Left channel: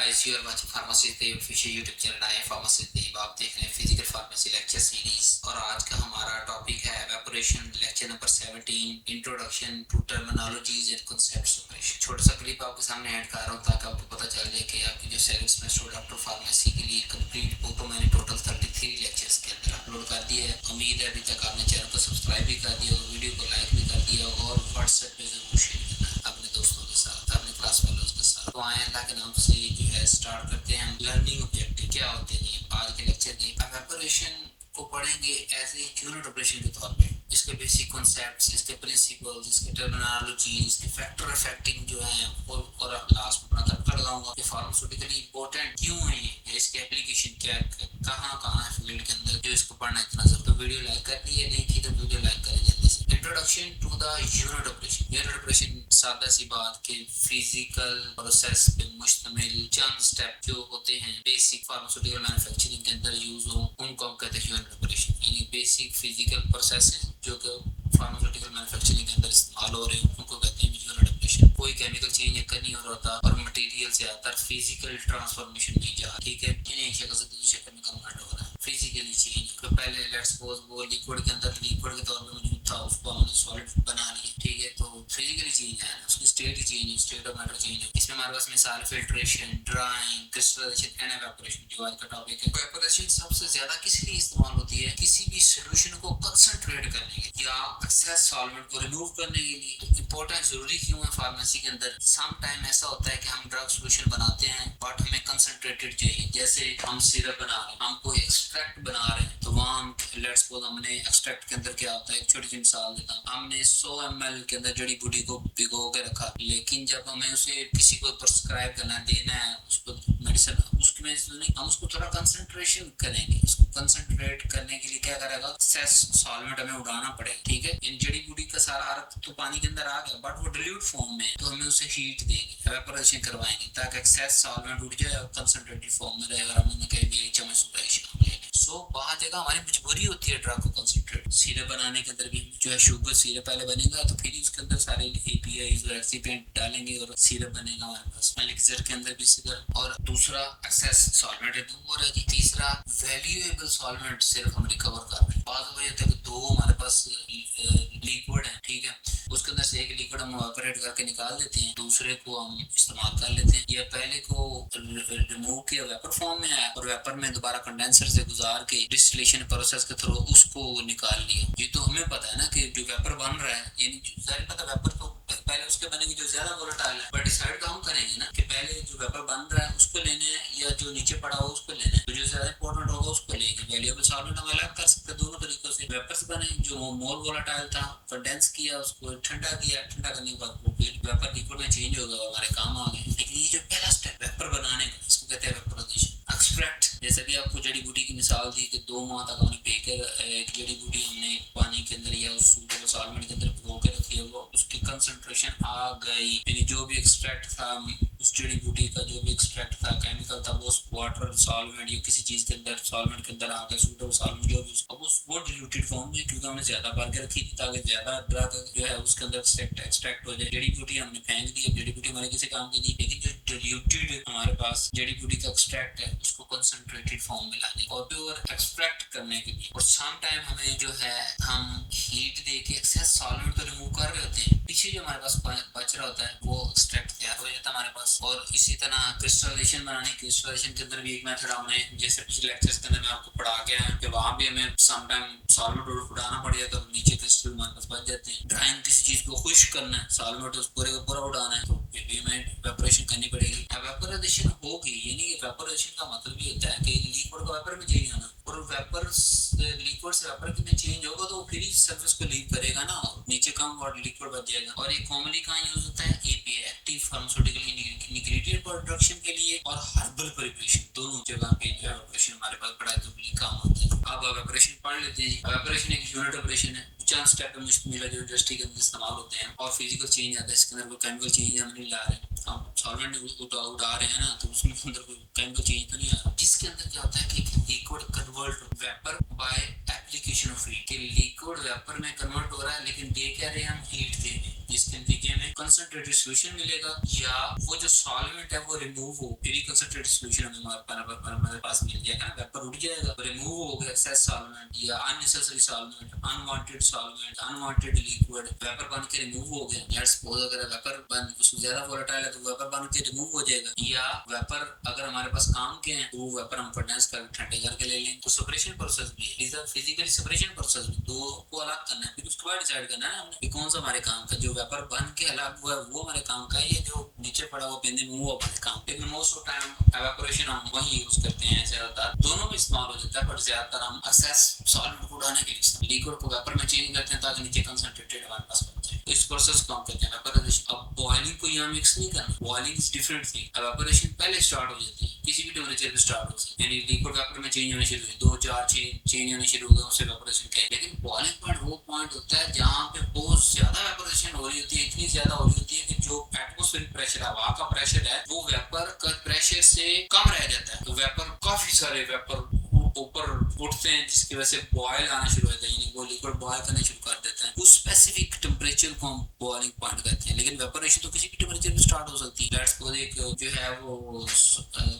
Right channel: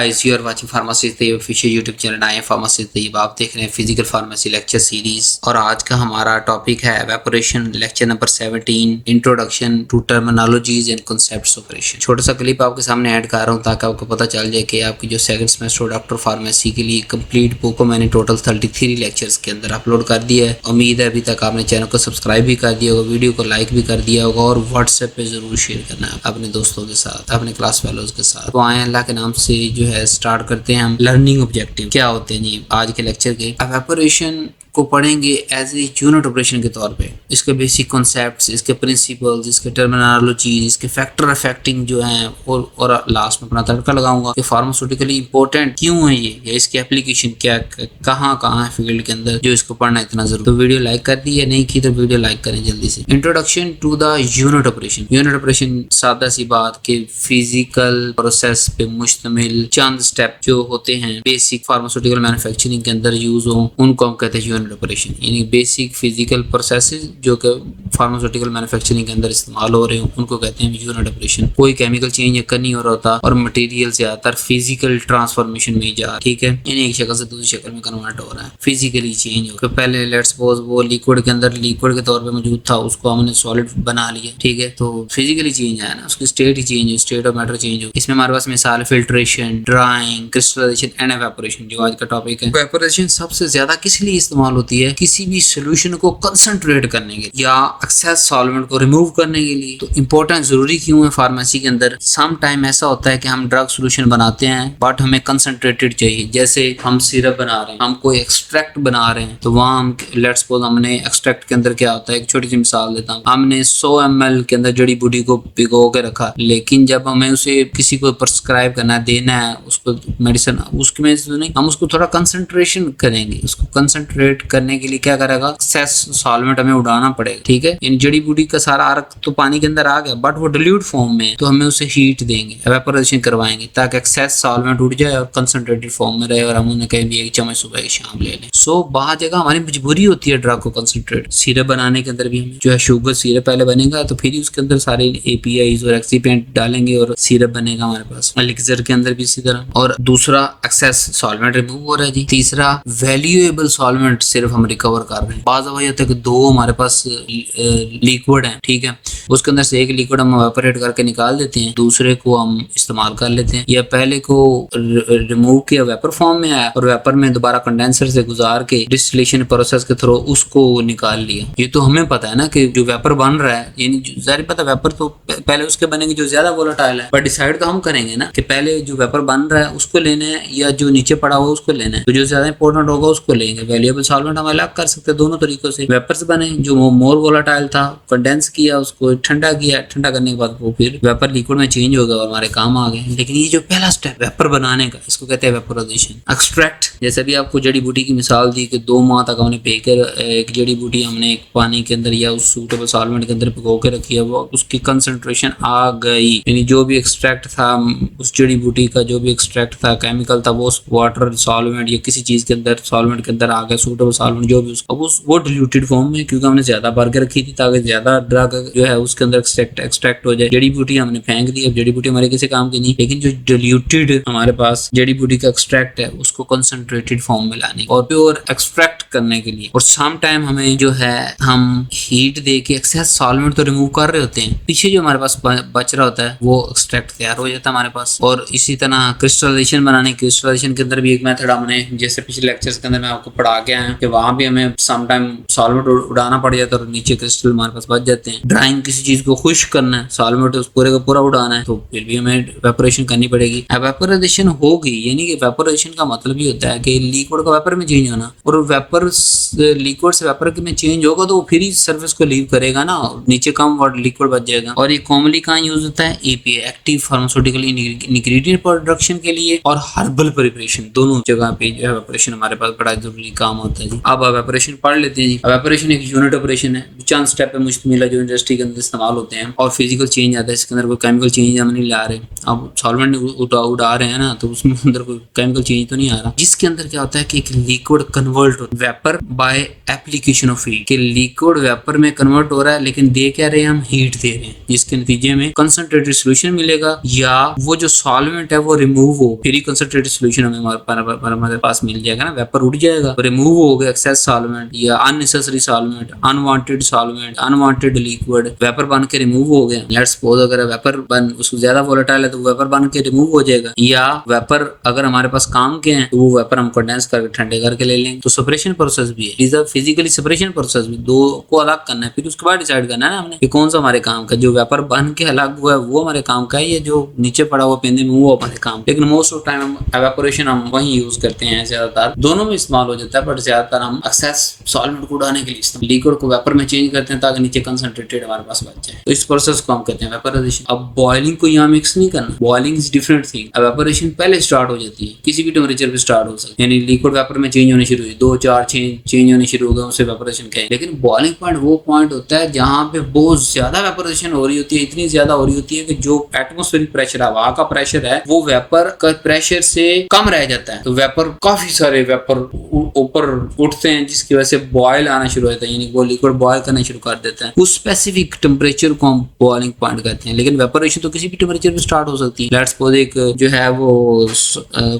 Guys, you are watching pharmacy Tayyab official YouTube channel. I am pharmacy Tayyab. आप देख रहे हैं फिजिकल फार्मेसी लेक्चर सीरीज और आज का हमारा टॉपिक है evaporation, lecture number 17, introduction to terminologies and concepts operation. छोटा सा क्लिप आपके सामने ऐड कर रहा हूँ ताकि आपको पता चल जाए कि आपकी जो सेकंड सेमेस्टर डॉक्टर फार्मेसी के लिए कंप्लीट बुक को मैंने टोटल 33 लेक्चर्स के अंदर अपलोड कर दिया है। उम्मीद है अभी तक आपने चैनल को सब्सक्राइब भी कर दिया होगा, वीडियो को लाइक भी कर दिया होगा और व्हाट्सएप पे जरूर शेयर करना है अपने दोस्तों के साथ, अपने क्लास फेलोज के साथ। तो आए अल्लाह के नाम से जो है स्टार्ट करते हैं हम। लर्निंग ऑब्जेक्टिव क्या होते हैं जी आज के लेक्चर के। एवेपोरेशन को पढ़ेंगे एज ए यूनिट ऑपरेशन के तौर पे। इसके बेसिक कॉन्सेप्ट्स, इसके प्रिंसिपल्स, इसके टर्मिनोलॉजी, इसके फैक्टर अफेक्टिंग जो हैं और लास्ट में अपना तड़का लगाऊंगा कि फार्मास्यूटिकली इंपॉर्टेंट क्यों है ये, या इसकी एप्लीकेशन क्या कहाँ है फील्ड के अंदर जो इसको पढ़ना इतना जरूरी। तो वीडियो लाइक कर दी है, नहीं की तो वीडियो लाइक करें जल्दी से। Introduction to the unit operation. Unit operation सादा सी बात के फिजिकल प्रोसेस पे मुश्तमिल चंद स्टेप जो होते हैं बेसिक फार्मास्यूटिकल मैन्युफैक्चरिंग के अंदर यूज हो, उनको हम कहते हैं यूनिट ऑपरेशन। यानी बेसिक फिजिकल प्रोसेसेस जो कि फार्मास्यूटिकल मैन्युफैक्चरिंग के अंदर इस्तेमाल हो रहे हो, उनको कहते हैं यूनिट ऑपरेशन। कोई केमिकल चेंज नहीं हो रहा होता और मटेरियल से ज्यादातर फिजिकल ट्रांसफॉर्मेशन में जा, ठीक है, यानी एक शक्ल से दूसरी शक्ल में कन्वर्ट हो रहा है, फिजिकली चेंज हो। पहले लेट्स सपोज वो लिक्विड के अंदर लिक्विड के तौर पे मौजूद था, उसको हमने सॉलिड बना लिया, ठीक है, तो फिजिकली चेंज आया ना, उसकी स्टेट ही चेंज हो, स्टेट ऑफ मैटर चेंज हो। इसमें हमारे पास मिसाल filtration, drying, crystallization and evaporation जो आज का टॉपिक है। एवेपोरेशन सबसे ज्यादा किस लिए इस्तेमाल होती है? किसी भी सोल्यूशन को कंसंट्रेट करने के लिए या एक्सेस सॉल्वेंट को रिमूव करने के लिए। तो इंपॉर्टेंट जरूरी क्यों है फार्मेसी के अंदर? सम टाइम ऐसा होता है कि हम ड्रग सोल्यूशन बनाते हैं बट हमें कंसंट्रेटेड चाहिए। जैसे हम सिरप बना रहे हैं, हम कोई एक्सट्रैक्ट बना रहे हैं, तो वहां हम लेट्स सपोज हमने एक्सट्रैक्ट के अंदर क्या होता है, एक छोटी सी मिसाल देता हूँ, हमने 100 ml के अंदर जड़ी बूटी को भिगो के रखा, लेकिन जब हमें उसे किसी को प्रिस्क्राइब करना है, देना है उसको मेडिसिन, उसके में तो नहीं, हम उसको थोड़ा कंसंट्रेशन करेंगे। उसको कंसंट्रेट करने के लिए क्या करेगा, एक्सेस सॉल्वेंट हमें उड़ाना पड़ेगा, ठीक है। इन जड़ी बूटी का सारा अर्क तो पानी के अंदर आ गया बट वो डिल्यूट फॉर्म में है, तो हमें उसे हीट देंगे, एवेपोरेशन करवाएंगे ताकि एक्सेस सॉल्वेंट उड़ जाए और कंसंट्रेटेड फॉर्म में रहे और हम उन्हें कहीं भी एक चम्मच सुबह शाम ले लें। सो बहुत जगह हमारी मजबूरी होती है ड्रग को कंसंट्रेट। सिरप बनाने के अंदर भी हमें जो है शुगर सिरप पहले बनेगा तो फिर उसके अंदर सारे एपीआईज और एक्सीपेंट डालेंगे और सिरप बनेगा हमारे पास। एलिक्सर के अंदर भी इसी तरह। और दूसरा एक्सेस सॉल्वेंट रिमूव हो रहा है जी। तीसरा वैल्यूएबल सॉल्वेंट सिर्फ हम रिकवर कर रहे हैं। बाज़ दफा होता है कि दो हमारे पास लिक्विड है, ठीक है, उसके अंदर से एक लिक्विड हम एवापोरेट करके निकाल देते हैं, दूसरे को हम इस्तेमाल कर लेते हैं, या पहले को रिमूव किया वेपर फॉर्म में आया और वेपर में दोबारा कंडेंसर से गुजार के डिस्टिलेशन प्रोसेस के थ्रू उसको निकाल लिया। ये तो हमें पता है ना कि जो वेपर बन रहा है, यानी जाहिर पता वेपर तो पहले उसके बनेंगे जो ज्यादा वोलेटाइल है, पर डिसाइड तो हम करेंगे ना कि पहले जो वेपर बन रहा है उसको लेना है या जो नीचे पड़ा हुआ उसको लेना है। तो जो ज्यादा इंपॉर्टेंट होगा उसको लेंगे। वैल्यूएबल सॉल्वेंट हम अलग कर सकते हैं दोनों तरीकों से। वेपर्स बने जो मोर वोलेटाइल था, कंडेंस किया, उसको ठंडा किया, ठंडा करने के बाद वो फिर वेपर लिक्विड में चेंज हो गया और हमारे काम आ गए। लेकिन ये जो पहला स्टेप वेपर बनाने का, इसको कहते हैं वेपोराइजेशन। एक्सट्रैक्ट, जैसे भी आपको जड़ी बूटी की मिसाल दी कि 2 माह तक हमने पेकर एक जड़ी बूटी हमने एक पानी के अंदर या उस सूटेबल सॉल्वेंट के अंदर भिगो के रखी है, वो उसकी कंसंट्रेशन आ गई, यानी जो भी एक्सट्रैक्ट था उस जड़ी बूटी का, जो भी एक्सट्रैक्ट था केमिकल था, वो वाटर सॉल्वेंट या किसी चीज के अंदर सॉल्वेंट के अंदर आ गया, सूटेबल सॉल्वेंट जो भी उसका, वो डिल्यूटेड फॉर्म में, क्योंकि हमने ज्यादा भर के रखी थी ताकि ज्यादा ड्रग जो है उसके अंदर एक्सट्रैक्ट हो जाए। जड़ी बूटी हमने फेंक दी, अब जड़ी बूटी हमारे किसी काम की नहीं, लेकिन जो डिल्यूटेड हमारे पास जड़ी बूटी का एक्सट्रैक्ट है उसको कंसंट्रेटेड फॉर्म में लाने और प्योर एक्सट्रैक्ट करने के लिए। और सम टाइम हमें जो है हम हीट दे के एक्सेस सॉल्वेंट तो रिमूव कर रहे होते हैं, पीछे जो हमारे पास बच रहा होता है वो एक्सट्रैक्ट तैयार हो जाता है हमारे पास। और इसी तरह क्रिस्टलाइजेशन बनाने, क्रिस्टलाइजेशन के अंदर भी एक मेथड हमने जैसे पिछले लेक्चर्स के अंदर मैं आपको पढ़ा के आया कि वहां भी हमें सम टाइम सॉल्वेंट उड़ाना पड़ जाता है और नीचे क्रिस्टल हमारे पास बच जाते हैं। ड्राइंग, किसी चीज को खुश्क करना है, सॉल्वेंट उस पूरे का पूरा उड़ाना है, तो फिर भी हमें वेपोरेशन करनी पड़ेगी। वेपोराइजेशन होगी, यानी कि वेपोराइजेशन का मतलब ये होता है कि लिक्विड का वेपर में चेंज होना, और वेपर लिक्विड से वेपर में चेंज होगा तो वो फिर ही सरफेस को लीव करेगा ना, नीचे कम लिक्विड बच जाएगा। और ये कॉमनली कहाँ यूज होता है? API, active pharmaceutical ingredient production के लिए और हर्बल प्रिपरेशन, दोनों जगह पे जो है वेपोरेशन हमारे पास बड़ा जरूरी काम होता है जी। अब एवेपोरेशन पढ़ लेते हैं जी। एवेपोरेशन एक यूनिट ऑपरेशन है, चंद स्टेप पे मुश्तमिल है जो इंडस्ट्री के अंदर इस्तेमाल होते हैं और फिजिकल चेंज आता है, इसके अंदर कोई केमिकल चेंज हम नहीं ला रहे। अब सॉल्वेंट उड़ा रहे हैं ना, तो उसमें अंदर कोई केमिकल चेंज तो नहीं आ रहा, जिसके अंदर क्या होता है कि एक liquid convert vapour by application of heat, कि लिक्विड वेपर में कन्वर्ट हो रहा है, लेकिन दे क्या रहे हैं, हम हीट दे रहे हैं, जिसके नतीजे में कंसंट्रेटेड सोल्यूशन मिलेगा या वो जो सॉल्वेंट है वो रिमूव हो, फिर कंसंट्रेटेड सोल्यूशन हमें हमारे पास मिल जाएगा ना, वेपर उड़ जाएगा, रिमूव हो गया एक्सेस सॉल्वेंट या unnecessary solvent, unwanted solvent, unwanted liquid vapour बन के रिमूव हो गया। लेट्स सपोज अगर वेपर बन उसको ज्यादा वोलेटाइल है तो वेपर बन के रिमूव हो जाएगा, या वेपर अगर हमारे पास काम के हैं तो वो वेपर हम कंडेंस करके ठंडे करके ले लेंगे। तो सेपरेशन प्रोसेस भी है, is a physically separation process भी, दो को अलग करना है, फिर उसके बाद डिसाइड करना है ना हमने कि कौन सा हमारे काम का, जो वेपर बन के अलग हुआ है वो हमारे काम का है, या जो नीचे पड़ा हुआ पेंदे में वो हमारे काम। लेकिन मोस्ट ऑफ टाइम एवेपोरेशन हम वही यूज करते हैं, ज्यादातर दोनों में इस्तेमाल हो जाता है, बट ज्यादातर हम एक्सेस सॉल्वेंट को उड़ाने के लिए लिक्विड को वेपर में चेंज करते हैं ताकि नीचे कंसंट्रेटेड हमारे पास बच जाए। तो इस प्रोसेस को हम कहते हैं वेपराइजेशन। अब बॉइलिंग को यहाँ मिक्स नहीं करना, boiling is different thing. Evaporation पहले स्टार्ट हो जाती है, किसी भी टेम्परेचर पे स्टार्ट हो सकती है, यानी लिक्विड वेपर में चेंज होने शुरू हुई, 2-4 चेंज होने शुरू हो गए, उसे वेपरेशन कहेंगे। लेकिन बॉइलिंग पॉइंट वो पॉइंट होता है जहां पे बहुत ज्यादा वेपरेशन हो रही होती है, इतनी ज्यादा हो रही होती है कि जो एटमॉस्फेरिक प्रेशर है, हवा का प्रेशर है, वो वेपर का प्रेशर से कम रह जाता है, तो वेपर काफी सारे वेपर ऊपर उठते हैं, जिसकी वजह से बॉयल आना शुरू होता है, यानी वो लिक्विड बॉयल करना शुरू कर देता है। उस स्पेसिफिक टेम्परेचर को हम बॉइलिंग पॉइंट कहते हैं। लेकिन वेपरेशन तो किसी भी टेम्परेचर पे स्टार्ट हो सकती है। लेट्स सपोज एक जो है वो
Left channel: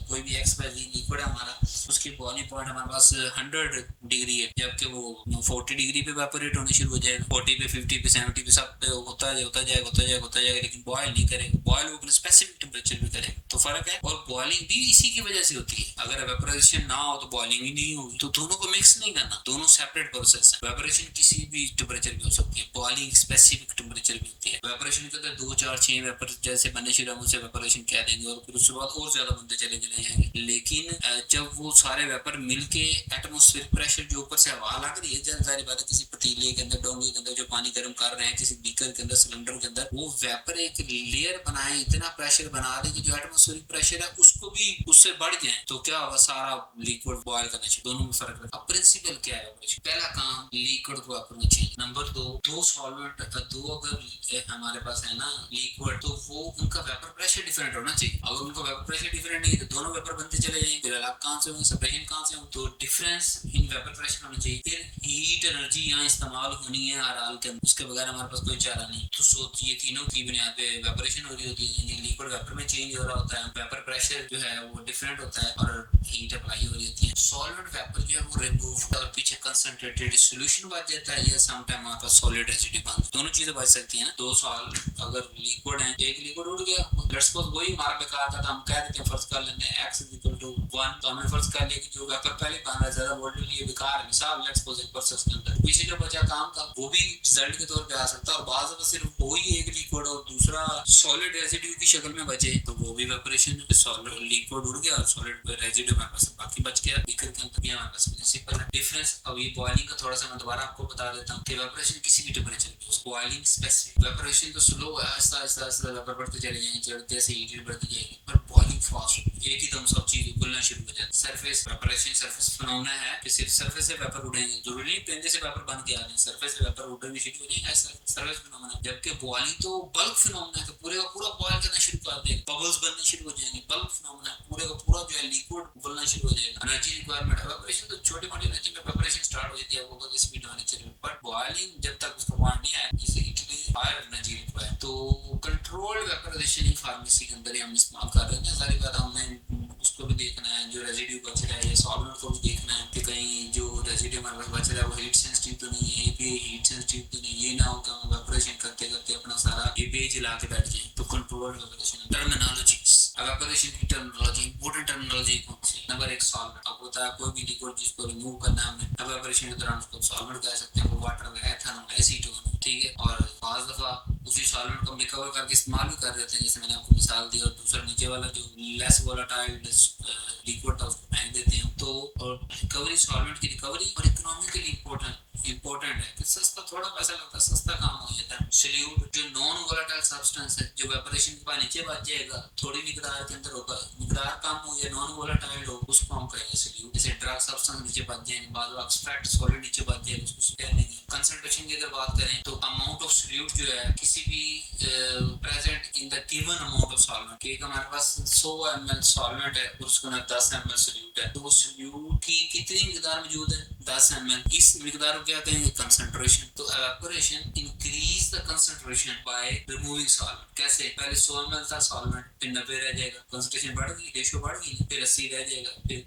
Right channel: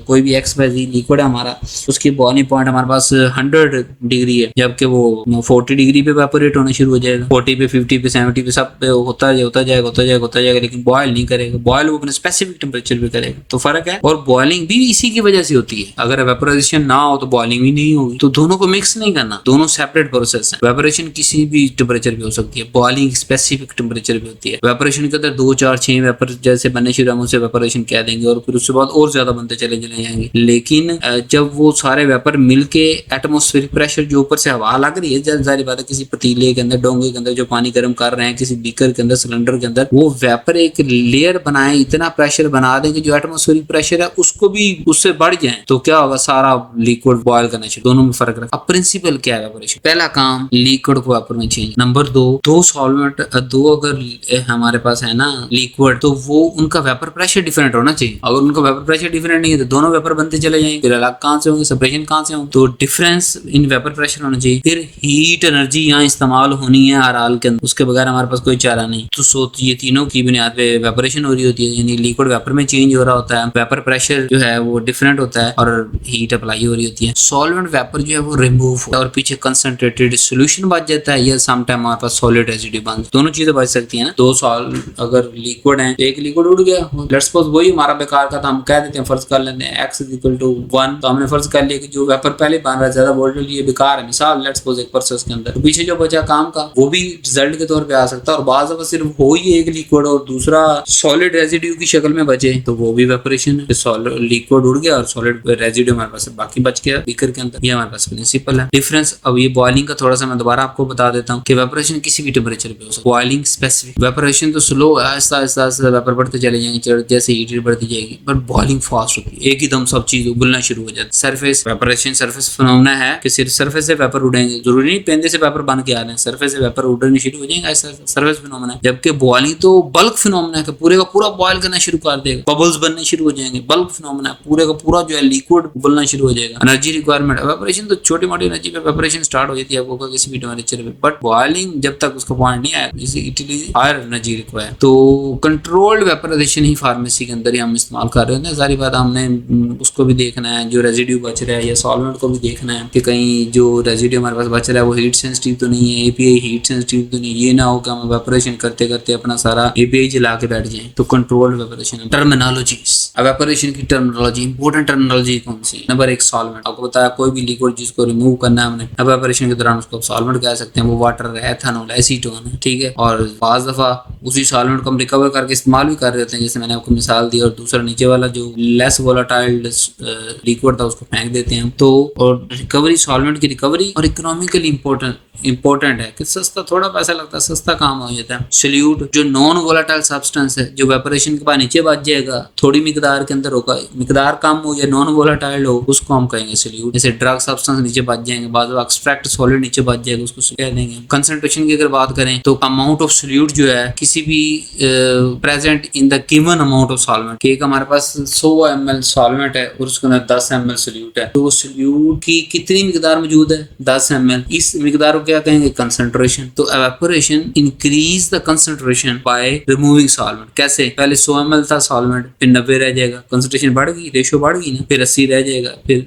कोई भी XYZ लिक्विड है हमारा, उसकी बॉइलिंग पॉइंट हमारे पास 100 डिग्री है, जबकि वो 40 डिग्री पे वेपोरेट होना शुरू हो जाएगा, 40 पे, 50 पे, 70 पे, सब पे होता जाएगा, लेकिन बॉयल नहीं करेगा। बॉयल वो अपने स्पेसिफिक टेम्परेचर पे करेगा, तो फर्क है। और बॉइलिंग भी इसी की वजह से होती है, अगर वेपोराइजेशन ना हो तो बॉइलिंग भी नहीं होगी। तो दोनों को मिक्स नहीं करना, दोनों सेपरेट प्रोसेस है। वेपोरेशन किसी भी टेम्परेचर पे हो सकती है, बॉइलिंग स्पेसिफिक टेम्परेचर पे होती है। वेपोरेशन के अंदर 2, 4, 6 वेपर जैसे बनने शुरू हम उसे वेपोरेशन कह देंगे, और फिर उसके बाद और ज्यादा बनते चले जाएंगे। लेकिन जब वो सारे वेपर मिलके एटमॉस्फेरिक प्रेशर जो ऊपर से हवा लग रही है, जाहिर बात है किसी पतीले के अंदर, डोंगे के अंदर जो पानी गर्म कर रहे हैं, किसी बीकर के अंदर, सिलेंडर के अंदर, वो वेपर एक लेयर बनाए, इतना प्रेशर बना दें कि जो एटमॉस्फेरिक प्रेशर है उसको भी उससे बढ़ जाए, तो क्या होगा, सारा लिक्विड बॉयल करना चाहिए। दोनों में फर्क रखा। अब प्रिंसिपल क्या है वेपोरेशन? पहला काम लिक्विड को वेपर में चेंज। नंबर 2, दो सॉल्वेंट, दो अगर हमारे पास है ना लिक्विड, तो वो उनका वेपर प्रेशर डिफरेंट होना चाहिए। अगर उनका वेपर प्रेशर डिफरेंट नहीं है तो दोनों वेपर बनते चले जाएंगे, फिर अलग कहां से होंगे, सेपरेशन कहां से होंगे? तो डिफरेंस इन वेपर प्रेशर होना चाहिए। फिर हीट एनर्जी यहाँ इस्तेमाल होनी है हर हाल के अंदर, उसके बगैर हमारे पास कोई चारा नहीं। तो ये तीनों की बुनियाद पे वेपोरेशन हो रही होती है, यानी लिक्विड वेपर में चेंज हो रहा होता है, वेपर प्रेशर जो है वो डिफरेंट होता है, और हीट अप्लाई हो रही होती है। सॉल्वेंट वेपर जो है वो रिमूव होता है और पीछे कंसंट्रेटेड सॉल्यूशन बच जाता है, या सम टाइम हमारे पास सॉलिड रेसिड्यू बन, दोनों चीजें बच सकती है ना। दो अगर लिक्विड है, एक लिक्विड उड़ गया, लेट्स सपोज वही हमारा बेकार का था, हम कह देते हैं, फर्ज कर लेते हैं x = 1, तो हमने फर्ज कर लिया कि जो वेपर पहले बन रहा है ज्यादा वोलेटाइल, ये बेकार है मिसाल, लेट्स सपोज एक प्रोसेस के अंदर, तो पीछे जो बचा काम का वो भी रिजल्ट के तौर पे आ सकता है। और बाज़ दफा सिर्फ हो ही एक लिक्विड और दूसरा सॉलिड रेसिड्यू की शक्ल में बचे, तो वो भी वेपोरेशन है। लिक्विड उड़ गया और सॉलिड रेसिड्यू हमारे पास बाकी बच गया बीकर के अंदर, ये हमारे पास प्रिंसिपल है। डिफरेंस अब ये बॉइलिंग का थोड़ा सा मैं दोबारा आपको बता देता हूँ कि वेपोरेशन किसी भी टेम्परेचर पे हो सकता है। बॉइलिंग स्पेसिफिक, वेपोरेशन तो स्लो, आहिस्ता आहिस्ता वेपर बढ़ते चले जाएंगे जैसे हीट बढ़ती जाएगी, बट बॉइलिंग फास्ट होती है, एक ही दम सब चीज उबलना शुरू हो जाती है। सरफेस वेपोरेशन सरफेस फिनोमेना है कि सिर्फ सरफेस से वेपर उड़ेंगे, जरूरी नहीं पेंदे से वेपर बन के आ रहे हैं, सरफेस से वेपर उड़ने शुरू हो जाएंगे, ऐसा सरफेस फिनोमेना है। जबकि बॉइलिंग तो बल्क फिनोमेना है कि पूरे का पूरा बॉयल करना शुरू कर देगा, बबल्स बनने शुरू हो जाएंगे, बल्क फिनोमेना है, पूरे का पूरा जो है लिक्विड उबलना शुरू हो जाएगा। एनर्जी रिक्वायरमेंट, वेपोरेशन तो छोटी मोटी एनर्जी पे वेपोरेशन स्टार्ट हो जाती है आपको किसी भी टेम्परेचर पे, बट बॉइलिंग जब तक उसका पॉइंट नहीं आया, it is higher energy require. तो कंट्रोल्ड वेपोराइजेशन ही फार्मेसी के अंदर ही हम इस्तेमाल कर रहे हैं। सारी बात हमने उसको भी देखना है, जो रेजिड्यू बच रहा है, या सॉल्वेंट को भी देखना है कि कहीं जो रेजिड्यू हमारे पास बच रहा है वो हीट सेंसिटिव तो नहीं है, एपीआई हीट सेंसिटिव तो नहीं, ये ना हो कि हम वेपोरेशन करते करते अपना सारा एपीआई जला के बैठ जाए। तो कंट्रोल्ड वेपोरेशन। टर्मिनोलॉजीज, वेपोरेशन की टर्मिनोलॉजी, इंपॉर्टेंट टर्मिनोलॉजी कौन सी? Number 1 solvent. आपको बताया कोई भी लिक्विड जिसको रिमूव करना है हमने वेपोरेशन के दौरान उसको सॉल्वेंट कह सकते हैं, वो वाटर, एथेनॉल, एसीटोन है, ठीक है। और बाज़ दफा उसी सॉल्वेंट को हम रिकवर करके इस्तेमाल भी कर रहे होते हैं, जैसे मैंने आपको मिसाल दी। और दूसरा नीचे वाला जो लेस वोलेटाइल लिक्विड था उसको फेंक देते हैं। तो और रिकवरी, सॉल्वेंट की रिकवरी और इकोनॉमिकली इंपॉर्टेंट है कि सस्ता, थोड़ा पैसा लगता है, सस्ता काम हो जाता है। सॉल्यूट जो नॉन वोलेटाइल सब्सटेंस है, जो वेपोरेशन के बाद नीचे बच जाएगा, थोड़ी मिकदार के अंदर होगा, मिकदार कम हो या नॉन वोलेटाइल हो, उसको हम कहेंगे सॉल्यूट। जैसे ड्रग सब्सटेंस नीचे बच जाएंगे, बाद में एक्सट्रैक्ट सॉलिड नीचे बच जाएगा, उसको कह देंगे। कंसंट्रेशन की अगर बात करें तो अमाउंट ऑफ सोल्यूट जो है किसी भी present in the given amount of solvent, कि एक हमारे पास 100 ml सॉल्वेंट है और उसके अंदर 10 ml सोल्यूट है, तो सोल्यूट की कितनी मिकदार मौजूद है? 10 ml। इस मिकदार को क्या कहेंगे? कंसंट्रेशन। तो evaporation increase the concentration by removing solvent. कैसे? पहले 100 ml था सॉल्वेंट, फिर 90 रह जाएगा, कंसंट्रेशन बढ़ गई, रेशो बढ़ गई ना, फिर 80 रह जाएगा, फिर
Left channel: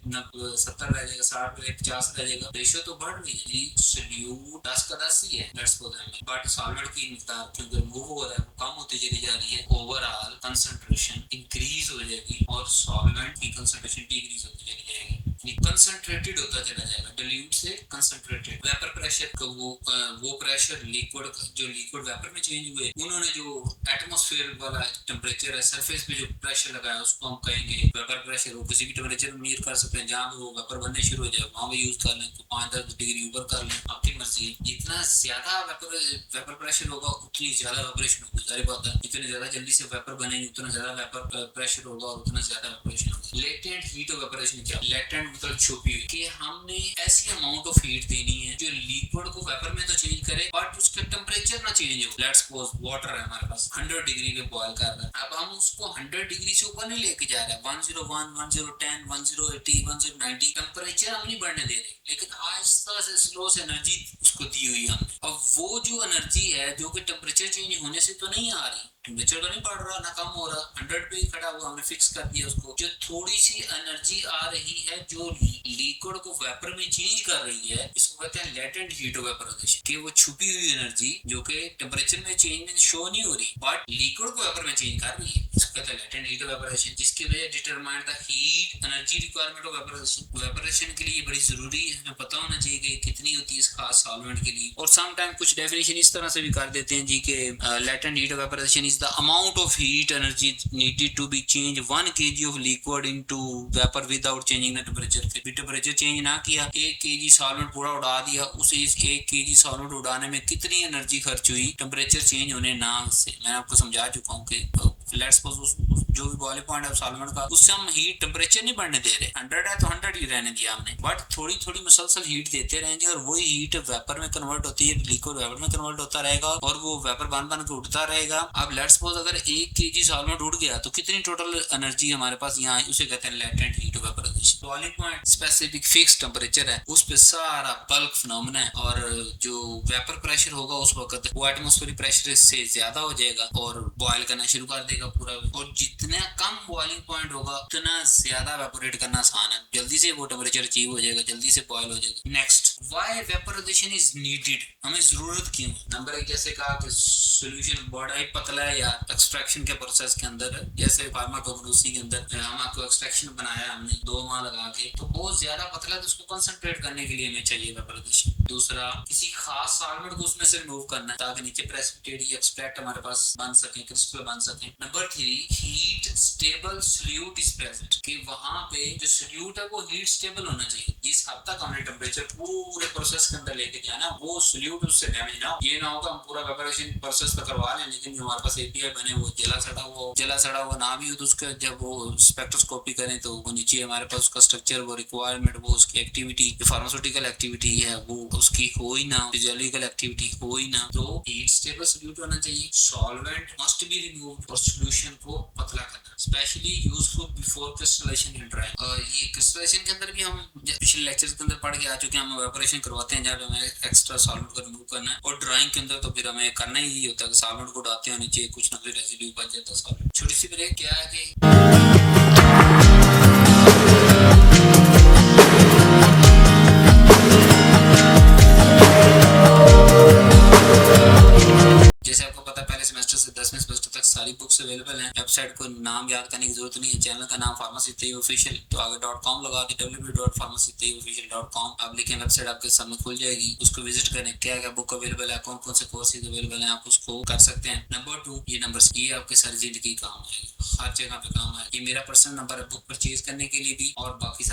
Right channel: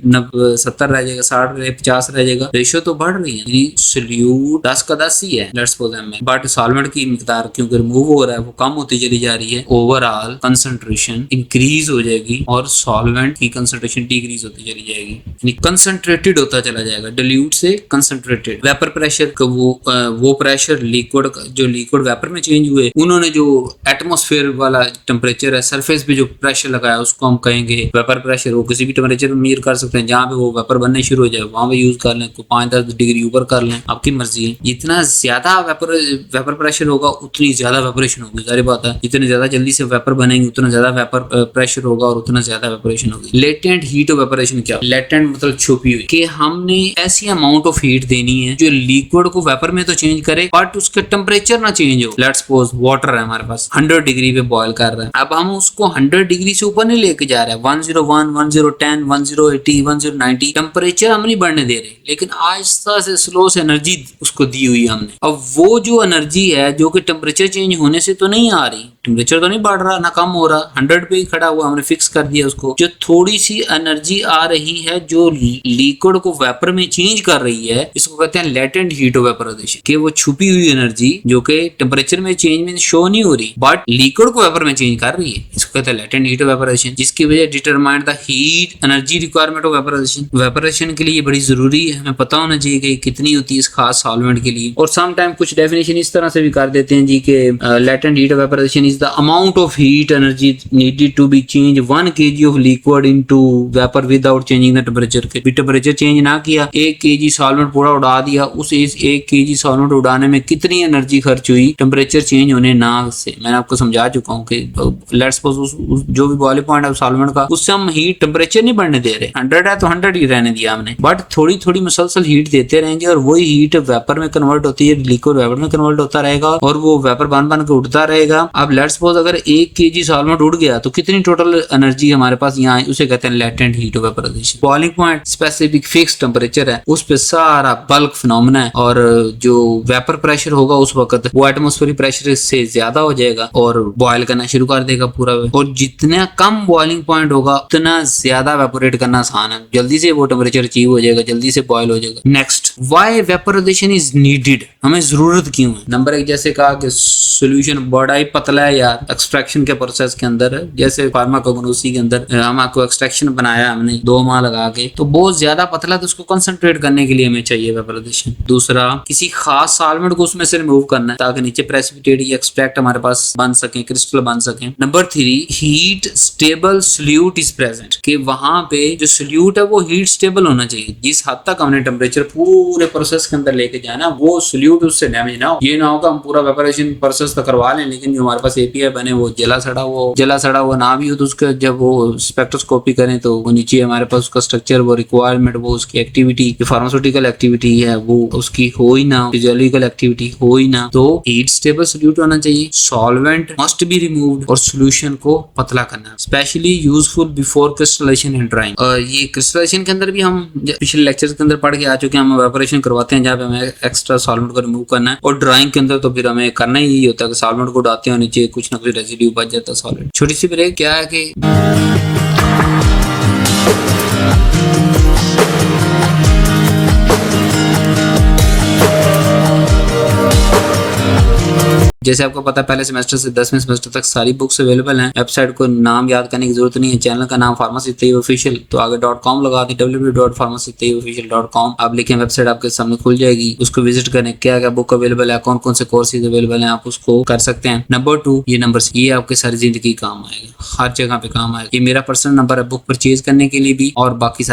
70 रह जाएगा, 60 रह 50 रह जाएगा, रेशो तो बढ़ रही है। सोल्यूट 10 का 10 ही है let's suppose ml, but solvent की मिकदार क्योंकि रिमूव हो रहा है वो कम होती चली जा रही है, ओवरऑल कंसंट्रेशन इंक्रीज हो जाएगी और सॉल्वेंट की कंसंट्रेशन डिक्रीज होती चली जाएगी, यानी कंसंट्रेटेड होता चला जाएगा, डिल्यूट से कंसंट्रेटेड। वेपर प्रेशर का वो प्रेशर लिक्विड जो लिक्विड वेपर में चेंज हुए, उन्होंने जो एटमॉस्फेयर वाला टेम्परेचर है, सरफेस पे जो प्रेशर लगाया उसको हम कहेंगे वेपर प्रेशर। वो किसी भी टेम्परेचर में मेजर कर सकते हैं, जहाँ पे वो वेपर बनने शुरू हो जाए वहां पे यूज कर लें, 5-10 डिग्री ऊपर कर लें, आपकी मर्जी है। जितना ज्यादा वेपर प्रेशर होगा उतनी ज्यादा वेपोरेशन होगी, सारी बात है। जितने ज्यादा जल्दी से वेपर बनेंगे उतना ज्यादा वेपर प्रेशर होगा और उतना ज्यादा वेपोरेशन होगी। लेटेंट हीट ऑफ वेपोरेशन क्या? लेटेंट मतलब छुपी हुई, कि हमने ऐसी अमाउंट ऑफ हीट देनी है जो लिक्विड को वेपर में तो चेंज करे बट उसका टेम्परेचर ना चेंज हो। लेट्स सपोज वाटर है हमारे पास 100 डिग्री पे बॉयल कर रहा है, अब हम उसको 100 डिग्री से ऊपर नहीं लेके जा रहे हैं, 101, 1010, 1080, 1090 टेम्परेचर हम नहीं बढ़ने दे रहे, लेकिन आहिस्ता से स्लो से एनर्जी उसको दी हुई है हमने। अब वो जो एनर्जी है जो कि टेम्परेचर चेंज होने से तो नहीं आ रही, टेम्परेचर तो नहीं बढ़ रहा ना कम हो रहा, 100 पे ही खड़ा हुआ, हमने फिक्स कर दिया उसको। जो थोड़ी सी एनर्जी आ रही है जो लिक्विड को वेपर में चेंज कर रही है, इसको कहते हैं लेटेंट हीट ऑफ वेपोराइजेशन, कि वो छुपी हुई एनर्जी जो कि टेम्परेचर में चेंज में शो नहीं हो रही बट लिक्विड को वेपर में चेंज कर रही है, इसको कहते हैं लेटेंट हीट ऑफ वेपोराइजेशन, जिसकी वजह determine the heat energy requirement of vaporisation. Vaporisation के लिए बड़ी जरूरी है, हमें पता होना चाहिए कि कितनी होती है इस खास सॉल्वेंट के लिए। और सम टाइम कुछ डेफिनेशन इस तरह से भी कर देते हैं जी के latent heat of vaporization is the amount of heat energy needed to be change 1 kg of liquid into vapour without changing the temperature. के भी टेम्परेचर चेंज ना किया, 1 kg सॉल्वेंट पूरा उड़ा दिया, उस 1 kg सॉल्वेंट उड़ाने में कितनी एनर्जी खर्च हुई टेम्परेचर चेंज होने ना से। मैंने आपको समझा चुका हूँ कि लेट्स सपोज जो भी बॉइलिंग पॉइंट है सॉल्वेंट का, उससे हम हीट टेम्परेचर नहीं बढ़ने दे रहे, 100 है तो 100 ही रहने दिया हमने, बट थोड़ी थोड़ी मुसलसल हीट देते रहेंगे और वही हीट वेपर में कन्वर्ट होती है, लिक्विड वेपर में कन्वर्ट होता रहेगा और वो वेपर बन बन के उड़ता रहेगा। अब लेट्स सपोज अगर 1 kg सॉल्वेंट उड़ गया तो कितनी टोटल एनर्जी हमारे पास यहाँ आई, उसे कहते हैं latent heat of vaporisation. Boiling point specific fix temperature है, उस पे सारा बल्क फिनोमेना है और जो वेपर प्रेशर होगा उस वक्त वो एटमॉस्फेरिक प्रेशर से ज्यादा हो जाएगा और बॉयल करना शुरू कर देगा पूरा। और जितना कम बॉइलिंग पॉइंट होगा उतना ज्यादा वेपोरेट करना आसान है, जल्दी से वो टेम्परेचर अचीव हो जाएगा, जल्दी से बॉयल हो जाएगा। Next, why vaporisation is needed, हमें जरूरत क्यों है? नंबर 1, जैसे कहा कि सोल्यूशन बड़ा ही पतला है यार, एक्सट्रैक्शन के प्रोसेस के अंदर है, जैसे फार्माकोग्नोसी के अंदर हम आपको एक्सट्रैक्शन बनाया हमने 2 माह लगा के, तो बहुत ज्यादा पतला, तो उसको कंसंट्रेट करने के लिए हमें चाहिए वेपोराइजेशन। दूसरा, किसी खास सॉल्वेंट को उसमें से रिमूव करना है ताकि नीचे प्रेसिपिटेट या एक्सट्रैक्ट हमारे पास बन सके, क्रिस्टल बन सके। Number 3, heat stable solute is present, कि वहां पे जो सोल्यूट है वो हीट स्टेबल होना चाहिए, जिस हद तक हमने टेम्परेचर पूरे प्रोसेस के अंदर लेके जाना वो सोल्यूट उससे डैमेज ना हो। ये ना हो कि हम पूरा वेपोराइजेशन प्रोसेस तो करवा लें लेकिन जो हमारे पास एपीआई बने वो जला सड़ा हुआ ना भी हो, तो उसका जब वो स्पेक्ट्रोस्कोपी करें तो वो नीचे हमारे पास उसका स्ट्रक्चर, वो रिक्वायरमेंट, वो उसकी एक्टिविटी, जो फार्मास्यूटिकल एक्टिविटी है वो उसकी हो ही ना, फिजियोलॉजिकल एक्टिविटी हो ही ना। तो हीट स्टेबल सोल्यूट होना चाहिए, सॉल्वेंट मस्ट बी रिमूव्ड और सोल्यूशन को पतला करना, specially useful before crystallization and drying. और ये क्रिस्टलाइजेशन के अंदर भी हम पिछले लेक्चर के अंदर पढ़ के आ चुके हैं, हम वेपोरेशन करवाते हैं जहाँ पे हमें एक्स्ट्रा सॉल्वेंट को रिमूव करना है, और ड्राइंग के अंदर तो फिर हमें करना ही होता है कि सॉल्वेंट को डालते हैं नीचे कुछ ना कुछ रेसिड्यू बच जाता है सॉलिड। छोटी सी ब्रेक, क्या है कि जैसे आपको पता है पहले सेमेस्टर से 10वें सेमेस्टर तक सारी बुक्स अवेलेबल हैं। वेबसाइट को नाम याद करने की जरूरत नहीं है, चैनल का नाम फार्मेसी तैयब ऑफिशियल, तो आगे .com लगा दें, www.pharmacytayyibofficial.com। आप लिखें, वेबसाइट आपके सामने खुल जाएगी, उसको विजिट करें, क्या क्या बुक अवेलेबल है, कौन कौन से कोर्सेज अवेलेबल हैं, आप उसको कर सकते हैं। नंबर 2, ये नंबर ये आपके सारी जिंदगी काम आएगा, हर जगह पे काम आएगा। ये मेरा पर्सनल नंबर है बुक परचेज करने के लिए भी, और बाकी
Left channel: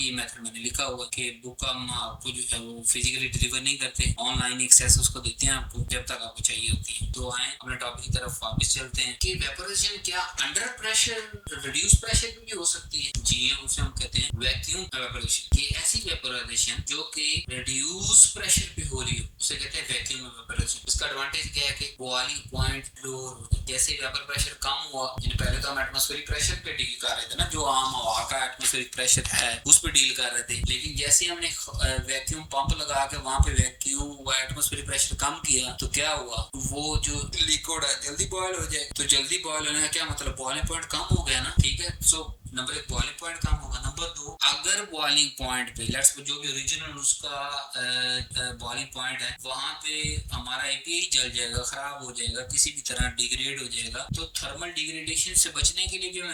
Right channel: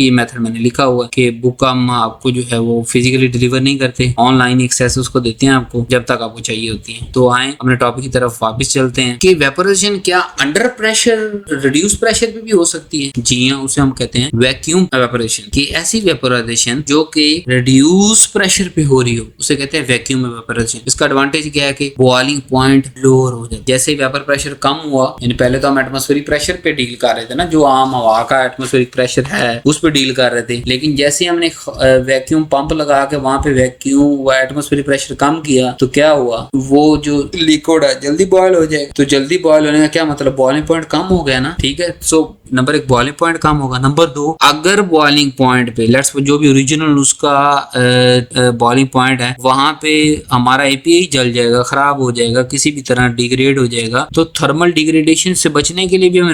ये मेथड मैंने लिखा हुआ है कि बुक हम आपको जो है वो फिजिकली डिलीवर नहीं करते, ऑनलाइन एक्सेस उसको देते हैं आपको जब तक आपको चाहिए होती है। सकती है। तो आए अपने टॉपिक की तरफ वापस चलते हैं कि वेपोराइजेशन क्या अंडर प्रेशर रिड्यूस प्रेशर पे भी हो सकती है। जी हाँ, उसे हम कहते हैं वैक्यूम वेपोराइजेशन की ऐसी वेपोराइजेशन जो कि रिड्यूस प्रेशर पे हो रही हो उसे कहते हैं वैक्यूम वेपोराइजेशन। इसका एडवांटेज क्या है कि बॉइलिंग पॉइंट लोअर हो जाए। जैसे ही वेपर प्रेशर कम हुआ, यानी पहले तो हम एटमॉस्फेरिक प्रेशर पे डील कर रहे थे ना, जो आम हवा का एटमॉस्फेरिक प्रेशर है उस पे डील कर रहे थे, लेकिन जैसे हमने वैक्यूम पंप लगा के वहां पे वैक्यूम व एटमॉस्फेरिक प्रेशर कम किया तो क्या हुआ, वो जो लिक्विड है जल्दी बॉयल हो जाएगा। तो जल्दी बॉयल होने का क्या मतलब, बॉइलिंग पॉइंट कम हो गया ना, ठीक है। सो नंबर एक बॉइलिंग पॉइंट कम होगा। नंबर दो, अगर बॉइलिंग पॉइंट पे लेट्स जो भी ओरिजिनल उसका बॉइलिंग पॉइंट है वहां पे हमारा एपीआई जल जाएगा, खराब हो जाएगा, किसी भी तरह डिग्रेड हो जाएगा, तो थर्मल डिग्रेडेशन से बचने के लिए भी हम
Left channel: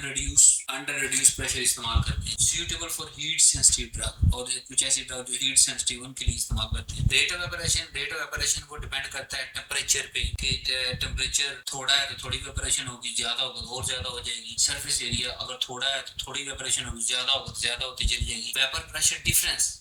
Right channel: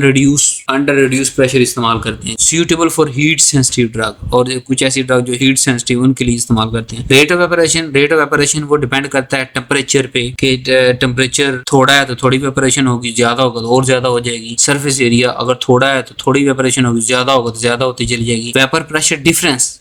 अंडर रिड्यूस प्रेशर इस्तेमाल करते हैं। Suitable for heat sensitive drug, और कुछ ऐसी ड्रग जो हीट सेंसिटिव उनके लिए इस्तेमाल करते हैं। रेट ऑफ वेपोरेशन वो डिपेंड करता है टेम्परेचर पे कि टेम्परेचर थोड़ा है तो थोड़ी वेपोरेशन होगी, ज्यादा होगा तो और ज्यादा हो जाएगी। सरफेस एरिया अगर थोड़ा है तो थोड़ी वेपोरेशन होगी, ज्यादा होगा तो ज्यादा होती चली जाएगी। वेपर प्रेशर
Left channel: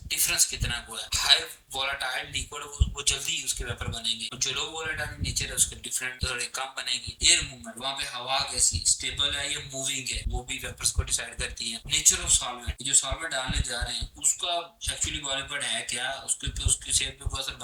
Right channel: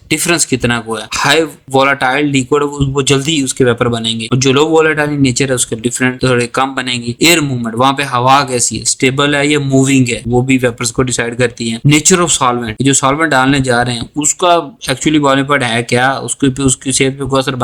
डिफरेंस कितना को है, हाई वोलाटाइल लिक्विड वो जल्दी उसके वेपर बनेंगे, और जो लो वोलाटाइल नेचर है उसके डिफरेंट थोड़े कम बनेंगे। एयर मूवमेंट, वहां पे हवा कैसी है, स्टेबल है या मूविंग है, वो भी वेपर्स को डिसाइड करती है। नेचर ऑफ सॉल्वेंट, जो सॉल्वेंट डालने जा रहे हैं उसका एक्चुअली बॉइलिंग पॉइंट है क्या, उसकी सेहत पे कोई असर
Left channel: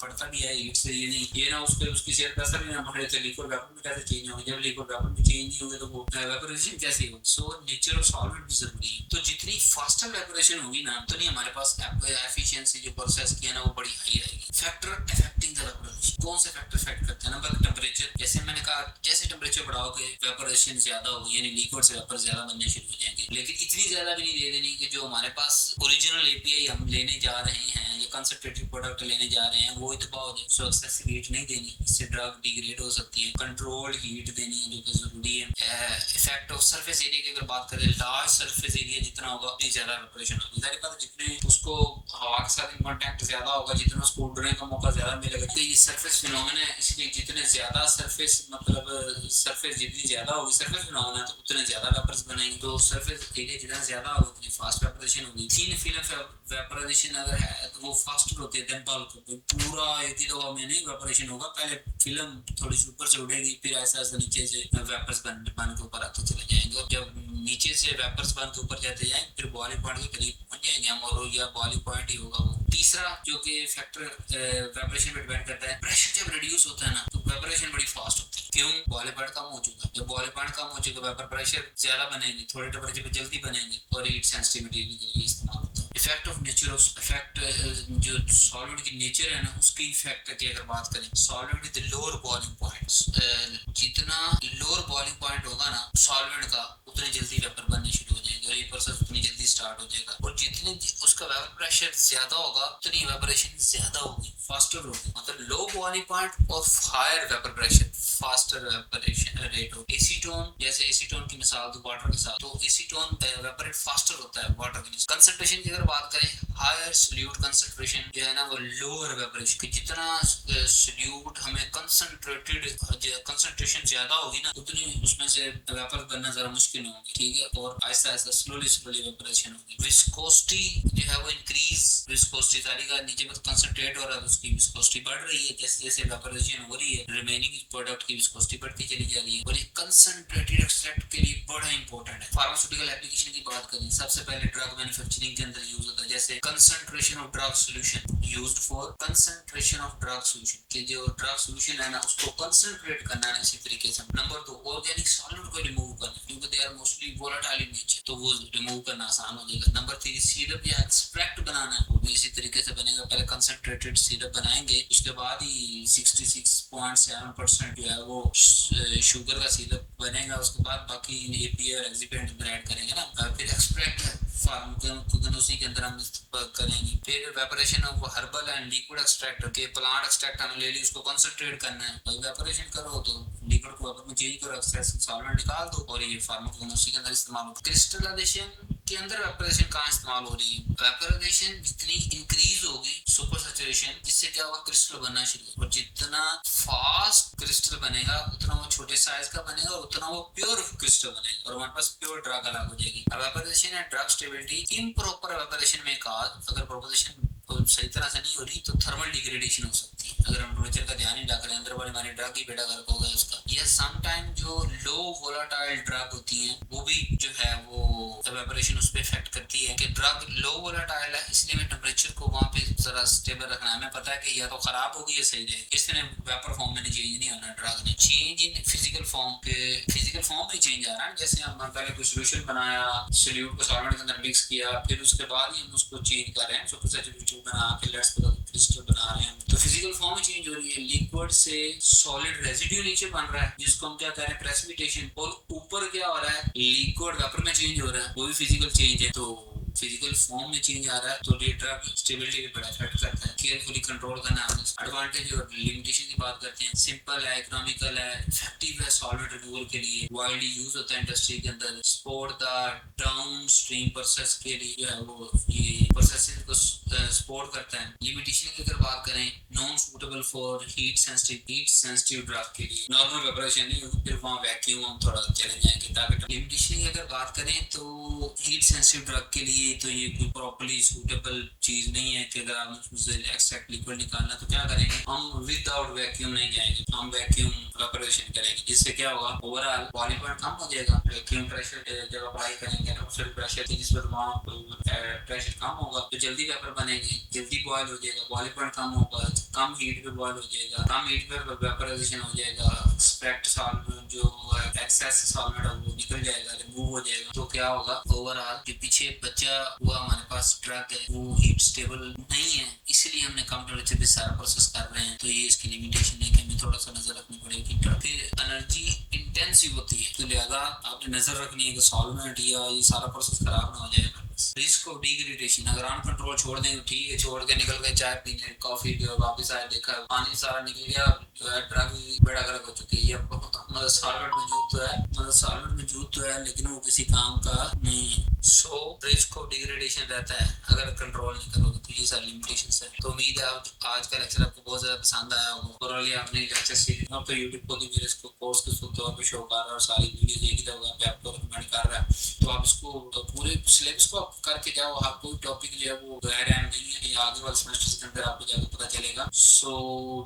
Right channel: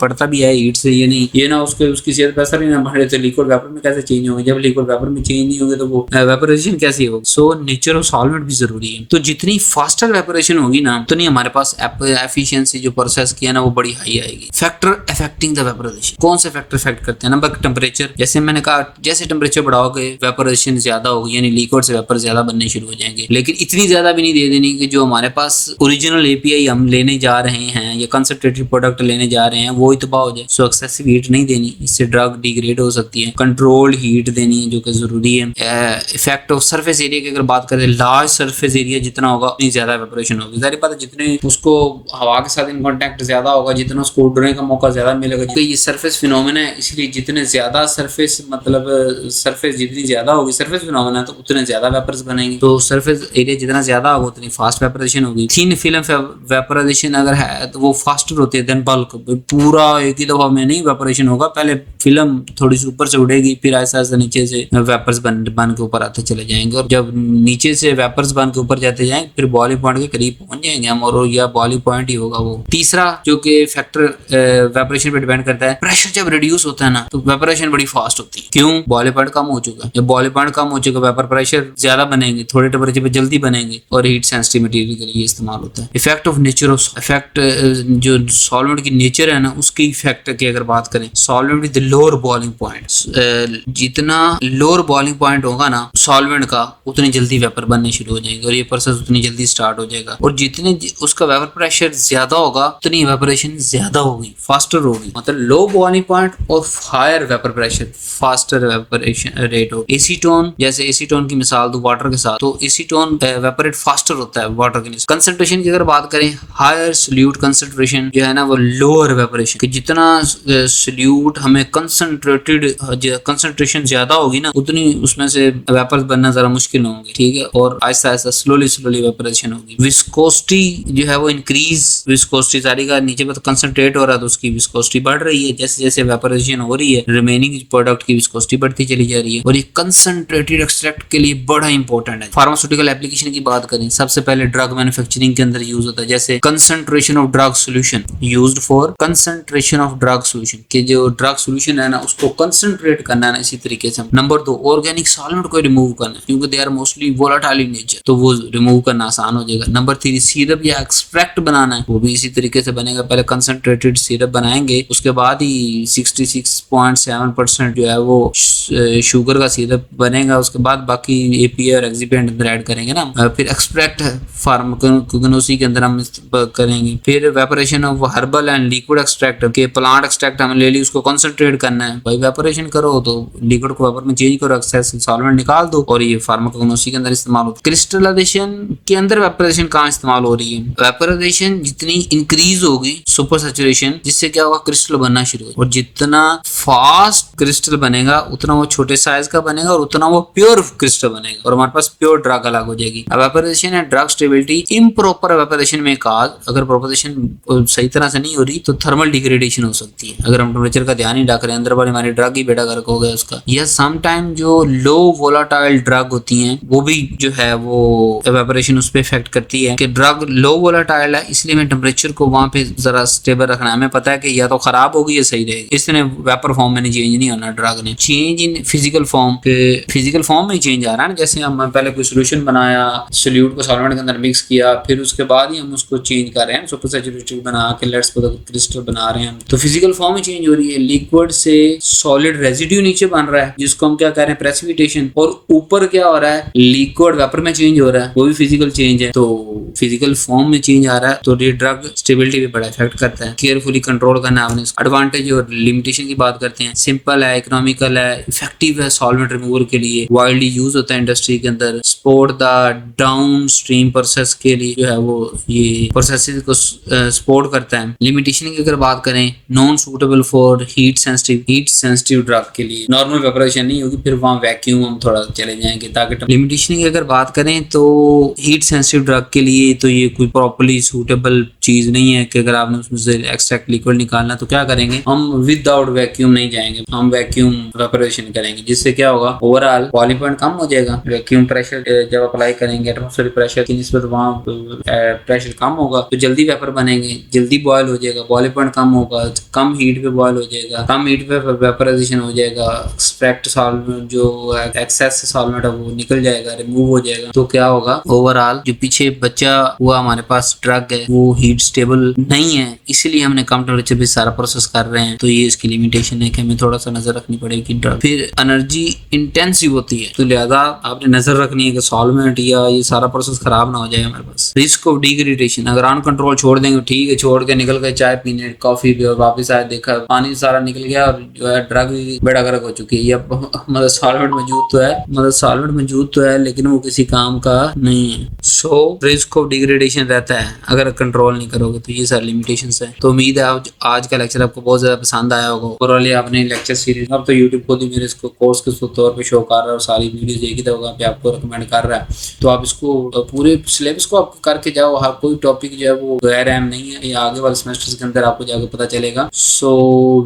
पड़ता भी है हीट से, ये नहीं ये ना उसकी सेहत पे असर ही ना पड़े तो लिक्विड वेपर में कैसे चेंज होंगे। जब लिक्विड वेपर में चेंज नहीं होंगे तो वो वेपोराइजेशन कैसे होगी। सो नेचर ऑफ सॉल्वेंट भी जरूरी है। तो जितनी फास्टर वेपोरेशन होगी ना उतनी हमारे पास एफिशिएंसी जो प्रोसेस किया ना वो बड़ी हाई आएगी। फैक्टर अफेक्टिंग द वेपोराइजेशन, कौन से फैक्टर अफेक्ट करते हैं। नंबर टेम्परेचर, जैसे मैंने कहा जैसे टेम्परेचर बढ़ाओगे वेपोराइजेशन ज्यादा होगी, यानी लिक्विड से वेपर ज्यादा बनने शुरू हो जाएंगे, लेकिन इतनी ज्यादा भी नहीं दे देनी कि जो हमारे पास ओरिजिनल एपीआई हम लेने जा रहे हैं या कंसंट्रेटेड प्रोडक्ट लेने जा रहे हैं वो ही तबाह हो जाए। सो एक्सेसिव हीट नहीं देनी, इससे ड्रग डिग्रेड हो सकती है। कंट्रोल्ड हीट देनी है जो कि जरूरी है। इफेक्ट ऑफ सरफेस एरिया की अगर बात करें, लार्ज सरफेस एरिया जितना होगा उतनी ज्यादा वेपोरेशन होगी। जाहिर बात है जितने उसको हवा के साथ इन कांटेक्ट ज्यादा होगा जितना उसको उड़ने का मौका ज्यादा मिलेगा, क्योंकि ये सरफेस फिनोमेना है, इसलिए जितने ज्यादा सरफेस जितनी ज्यादा होगी सरफेस फिनोमेना तो उतने ज्यादा वेपर्स बनेंगे। तो सरफेस एरिया जितना ज्यादा होगा उतनी फास्ट वेपोराइजेशन होगी। थिन फिल्म वेपोराइजेशन अगर है तो वो फास्टर होती है देन बल्क। पूरा एक ही दफा में नहीं वेपोरेशन होगा, पहले फिल्म थोड़ी सी ऊपर से उड़ेगी, फिर ऐसा ऐसा नीचे से वेपर्स बन के ऊपर आते चले जाएंगे, और जब नीचे से वेपर्स बन के ऊपर जाते जाएंगे फिर बॉइलिंग पॉइंट के करीब पहुंच जाएंगे हम, और या बॉइलिंग पॉइंट ही होगा वो। तीसरा जो कि फैक्टर वेपोरेशन पे डिपेंड करता है, प्रेशर जब रिड्यूस होता है ना तो वेपोरेशन बड़ी फास्ट होती है। क्यों, बॉइलिंग पॉइंट कम हो चुका है। जब बॉइलिंग पॉइंट कम हो चुका वेपर प्रेशर ज्यादा बनेंगे, थोड़े टेम्परेचर पे जल्दी बनेंगे, और हीट सेंसिटिव मटेरियल के लिए इस्तेमाल होता है। Effect of nature of effect, जो सॉल्वेंट की नेचर है ना उसकी इफेक्ट की अगर बात करें, solvent with lower boiling point, जितना लोअर बॉइलिंग पॉइंट होगा ना सॉल्वेंट का उतनी जल्दी वेपर बनने शुरू हो जाएंगे और ये प्रोसेस उतनी जल्दी स्टार्ट हो जाएगा। और जितने उसका वेपर प्रेशर ज्यादा होगा उतनी इवेपोरेशन ज्यादा होगी, फास्टर होगी। मतलब लो बॉइलिंग पॉइंट और higher vapour pressure, faster evaporation rate होगी। एसीटोन, जैसे एसीटोन की मिसाल दो वाटर के साथ, तो एसीटोन वेपोरेट फास्टर होता है वाटर के लिए। कंसंट्रेशन की अगर बात करें, हायर सोल्यूट कंसंट्रेशन जो है ना वो लोअर वेपोरेशन, कि जितना सोल्यूट हमें कंसंट्रेशन ज्यादा होगी ना उतनी उसमें से वेपर्स बनना जरा मुश्किल होंगे, ठीक है। और आहिस्ता आहिस्ता स्लोली वेपोरेशन होगी। विस्कोसिटी जो है वो इंक्रीज, विस्कोसिटी सारी का नीचे पे तो कंसंट्रेट हो रहा है तो उसकी विस्कोसिटी बढ़ रही है, जैसे जैसे वेपोरेशन हो रही है रिमेनिंग प्रोडक्ट की विस्कोसिटी बढ़ती चली जा रही है। और ये कंसंट्रेटेड एक्सट्रैक्ट के लिए बड़ा इंपॉर्टेंट है। फार्मास्यूटिकल एप्लीकेशन की बात करें, सबसे पहले ड्रग मैन्युफैक्चरिंग के अंदर यूज होता है, जैसे concentration of drug solution used for concentration of drug solution, कि जो ड्रग सोल्यूशन है ना उसको कंसंट्रेट करना है ना, इसी तरीके से। नंबर 2, ऑर्गेनिक सॉल्वेंट को रिमूव करना, क्योंकि they are mostly volatile in nature, तो वो रिमूव करना आसान हो जाएगा। नंबर 3, सिरप या एक्सट्रैक्ट बनाना है, वो भी इसी तरीके से बनेगा। पहले कंसंट्रेटेड सिरप बनाएंगे, उसके बाद ही 66.7% जो है वो शुगर का सिरप बनेगा, उसके बाद बाकी एपीआई और एक्सिपिएंट अंदर ऐड करेंगे ना। फिर एक्सट्रैक्ट फार्माकोगनोसी के अंदर हम करेंगे। फिर evaporation of herbal and liquid extract, के प्लांट एक्सट्रैक्ट हमने ले ली, उसको कंसंट्रेट करना है। भाई वेपोरेशन करो तो लिक्विड को वेपर में चेंज करो, एक्सेस सॉल्वेंट निकाल दो, और ये फार्माकोगनोसी के अंदर इस्तेमाल होता है। क्रिस्टलाइजेशन के अंदर वेपोरेशन कहाँ इस्तेमाल हो रही है? सैचुरेशन जितनी इंक्रीज होगी सुपर सैचुरेशन, जिससे क्या होगा क्रिस्टल बनना शुरू होगा, और जितना फास्ट क्रिस्टल बनेगा उतना वो छोटे साइज का बनेगा और उतना वो प्योर क्रिस्टल बनेगा और हमारे पास प्योर ड्रग अलग हो जाएगी। Evaporation and drug stability, improper evaporation में काज, अगर प्रोपोजिशन सही तरह से नहीं हो रही तो थर्मल डिग्रेडेशन हो सकती है, अगर हम टेम्परेचर का ध्यान नहीं रख रहे हैं, अंदर वाली हमारी ड्रग ही बेड़ा गर्क हो गया उसका। या सम टाइम जो लो वोलाटाइल ड्रग होती हैं वो भी जो है वो एवापोरेशन उस पर इफेक्ट करती है कि ड्रग लो वोलाटाइल है, इसलिए हमें टेम्परेचर को वहां पे जरा स्टेबल रखना है। हमें पता है कि या तो खराब होगी या सही रहेगी, इसलिए वेपर फॉर्म में चेंज नहीं होना ड्रग ने। चेंज इन फिजिकल फॉर्म के, फिजिकल फॉर्म में चेंज आ रहा है ना, जैसे हम पहले कोई सोल्यूशन बनाया, सोल्यूट को सॉल्वेंट के अंदर मिक्स किया, फिर उसके बाद ही हम उसको चेंज कर रहे हैं, सुपर सैचुरेटेड बना के लेट्स क्रिस्टल बना रहे हैं, तो फिजिकल फॉर्म में चेंज हो रही है। लिक्विड से सॉलिड रेजिड्यू नीचे बन रहा है जिसको हम क्या कह रहे हैं प्रेसिपिटेशन, और ऊपर क्या हो रहा है लिक्विड वेपर में चेंज हो रहा है, वो भी फिजिकल चेंज है। तो फिजिकल फॉर्म में चेंज आ रहा है तो ये ड्रग स्टेबिलिटी पे बड़ा इफेक्ट करता है। केयरफुली कंट्रोल करना आपने। एडवांटेज और लिमिटेशन की बात करते हैं, सिंपल है, इकोनॉमिकल है, इफेक्टिव है सॉल्वेंट रिमूवल के लिए, वाइडली यूज होता है इंडस्ट्री के अंदर, support the down stream process के लिए जो है वो ये प्रोसेसेस को सपोर्ट करता है। लिमिटेशन की अगर बात करें, non suitable for heat sensitive drug के लिए, नॉर्मल वेपरेशन नहीं होगी, फिर वहाँ वैक्यूम हम थोड़ा चले जाएंगे ताकि। लिमिटेशन की अगर बात करें तो हीट सेंसिटिव ड्रग के लिए तो ये कोई प्रॉपर्ली सूटेबल चीज नहीं है कि अगर आपने उसमें से एक्सट्रैक्ट लिक्विड निकालना तो क्या करेंगे हम, विदाउट वैक्यूम नहीं जाएंगे, हम वैक्यूम वेपरेशन करेंगे, जिससे क्या होगा ओवरऑल बॉइलिंग पॉइंट कम हो जाएगा। वैक्यूम प्रेशर जब अप्लाई करेंगे एटमॉस्फेरिक प्रेशर की निस्बत वहाँ प्रेशर कम होगा तो जल्दी वेपर बनेंगे, जल्दी बॉयल हो जाएगा, बॉइलिंग पॉइंट कम होगा, कम हीट पे बॉयल हो जाएगा, कम हीट पे वेपराइजेशन हो जाएगा, एक्सट्रैक्ट सॉल्वेंट जो एक्सेस सॉल्वेंट है वो निकल जाएगा, रिमूव हो जाएगा। तो क्या होगा ओवरऑल जो पीछे बचा हुआ हमारे पास ड्रग है वो हीट स्टेबल नहीं है, इसीलिए हमने कम टेम्परेचर पे सारा प्रोसेस कर रहे हैं। तो ये इसकी लिमिटेशन है कि हमें थोड़ा सा नजर रखनी पड़ेगी ड्रग। फिर एनर्जी इंटेंसिव होती है तो लिहाजा आपने नजर रखनी है कि सॉल्वेंट या ये सारा प्रोसेस खराब ना हो जाए हमारे पास। रिस्क ऑफ डिग्रेडेशन, अगर ऑन कंट्रोल छोड़ देंगे ठीक है, छोड़ के निकल गए चाय पीने कॉफी भी और वापस आए देखा पानी सारा निकल गया और जो है ड्रग बेड़ा गर्क हो चुकी है, मतलब सॉल्वेंट मौजूद तो है लेकिन वो किसी काम का नहीं है। सो रिस्क ऑफ डिग्रेडेशन रहता है अगर कंट्रोल नहीं करोगे। तो ये सारी लिमिटेशंस है। तो उम्मीद है आज का लेक्चर आपको बहुत ज्यादा पसंद आया होगा। ओवरऑल आपने लेक्चर सीरीज, अब तो यूट्यूब खुद ही मेरे इसको कोर्स के तौर पे शो कर रहा है और सारी वीडियोस एक ही जगह पे आपको रिकमेंड कर रहा है। तो आप इसको पूरे सिलेबस को आप करके जाओ, हर कोई टॉपिक जो है वो गैर अहम नहीं है, ये आगे वाले सेमेस्टर्स के अंदर आपको जाकर पता चलेगा। सो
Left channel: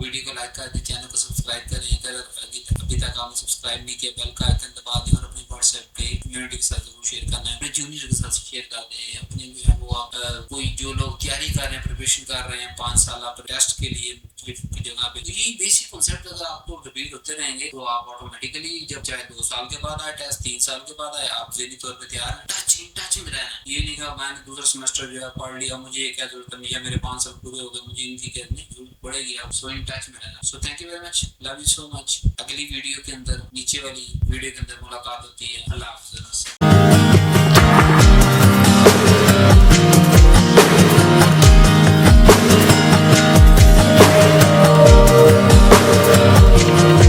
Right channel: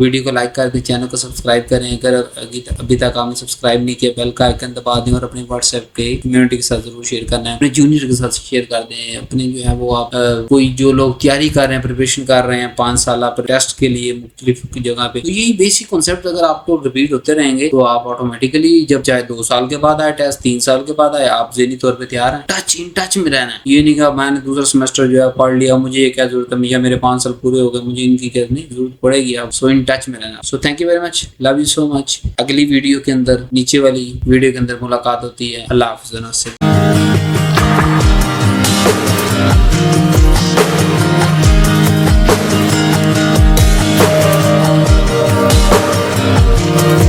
वीडियो को लाइक कर दें, चैनल को सब्सक्राइब करें, अगर अभी तक आपने सब्सक्राइब नहीं किया बेल का आइकन दबा दें और अपने व्हाट्सएप पे कम्युनिटी के साथ जरूर शेयर करना है, अपने जूनियर के साथ शेयर कर दें, अपने जो है वो आप कोई जो लोग तैयारी कर रहे हैं, प्रिपरेशन कर रहे हैं 5 साल टेस्ट के लिए मुख्तलिफ जगह पे, तो यही बेसिक कॉन्सेप्ट अगर आपको रिपीट होते रहेंगे तो आप ऑटोमेटिकली जब चाहे 2 साल के बाद आए टेस्ट, 3 साल के बाद आए, आप ज़हनी तौर पे तैयार हैं। इन टच में रहना है, ये नहीं कहा मैंने दूसरा सेमेस्टर जो है पढ़ लिया, मुझे ये क्या जरूरत है, या मेरे 5 साल पूरे हो गए, मुझे इनकी क्या नहीं जरूरत पड़ेगी। आप सो इन टच में रहना। So thank you very much, love you so much. अगली वीडियो के अंदर, नीचे वाली वीडियो के अंदर मुलाकात होती है। अल्लाह हाफ़िज़।